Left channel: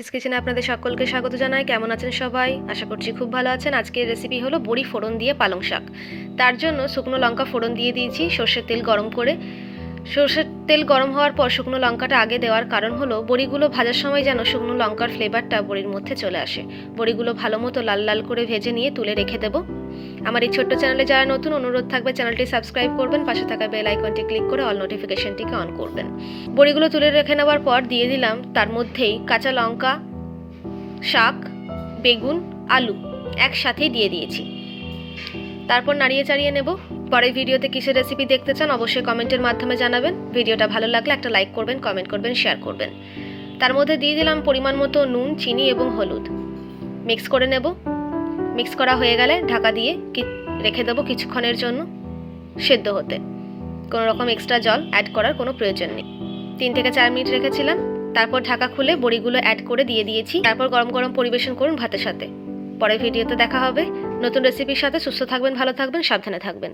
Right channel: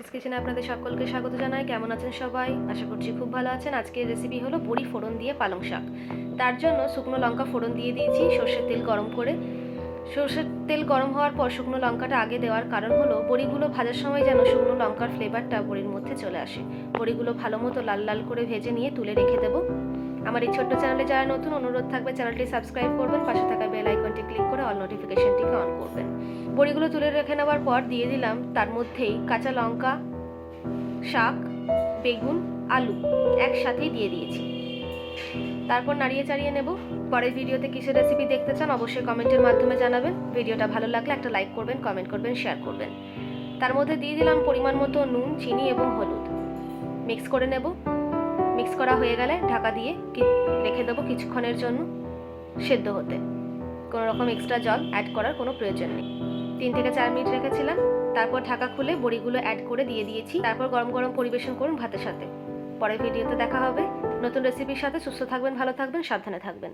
Sweeties কিচেনে আপনাদের সকলকে স্বাগত জানাই। কেমন আছেন সবাই? আশা করছি খুব ভালো আছেন। আজকের রেসিপি হলো বড়ি ফোড়ন দিয়ে পালং শাক। তার জন্য শুকনো লঙ্কা ফোড়ন দিয়ে দিয়েছি, সর্ষের তেল গরম করে। সর্ষের তেল গরম হওয়ার পর শুকনো লঙ্কাটা আগে দেওয়ার কারণ হলো, বড়িগুলো ভাজার সময় যেন শুকনো লঙ্কার ফ্লেভারটা বড়ির মধ্যে চলে আসে। বড়িগুলো ভালো মতো লাল লাল করে ভেজে নিয়ে তুলে রেখে দেবো। আমার এই ছোট্ট চ্যানেলে যারা নতুন, অনুরোধ থাকবে চ্যানেলটি সাবস্ক্রাইব করবেন, পাশে থাকা বেল আইকনটি ক্লিক করে অল নোটিফিকেশনটিকে অন করবেন। বড়িগুলো তুলে রেখে নেওয়ার পর দিয়ে দিলাম তার মধ্যেই কাঁচা লঙ্কা, শাক, বেগুন, আলু একসাথেই দিয়ে দিয়েছি। তারপর নাড়িয়ে চাড়িয়ে নেব। পরের ভিডিওতে কিসের রেসিপি দেখতে চান অবশ্যই কমেন্টের মাধ্যমে জানাবেন। ভিডিওটা ভালো লাগলে একটা লাইক করবেন কমেন্ট করবেন শেয়ার করবেন। তার মধ্যে দিয়ে দিলাম পরিমাণ মতো নুন, চিনি এবং হলুদ। মিক্স করে নেব। মিক্স করা হয়ে গেলে ঢাকা দিয়ে রেখে দেবো কিছুক্ষণের জন্য সেদ্ধ হতে। কোনো রকম এক্সট্রা জল অ্যাড করার কোনো প্রয়োজন নেই। তিন থেকে চার মিনিট রেখেছিলাম। তারপর ঢাকা খুলে বড়িগুলো অ্যাড করে দিয়ে দিয়েছি। তারপর গরম গরম পরিবেশন করুন ভাতের সাথে। পরের ভিডিওতে দেখা হবে। নতুন রেসিপির সাথে সুস্থ থাকবেন ভালো থাকবেন সাবধানে থাকবেন।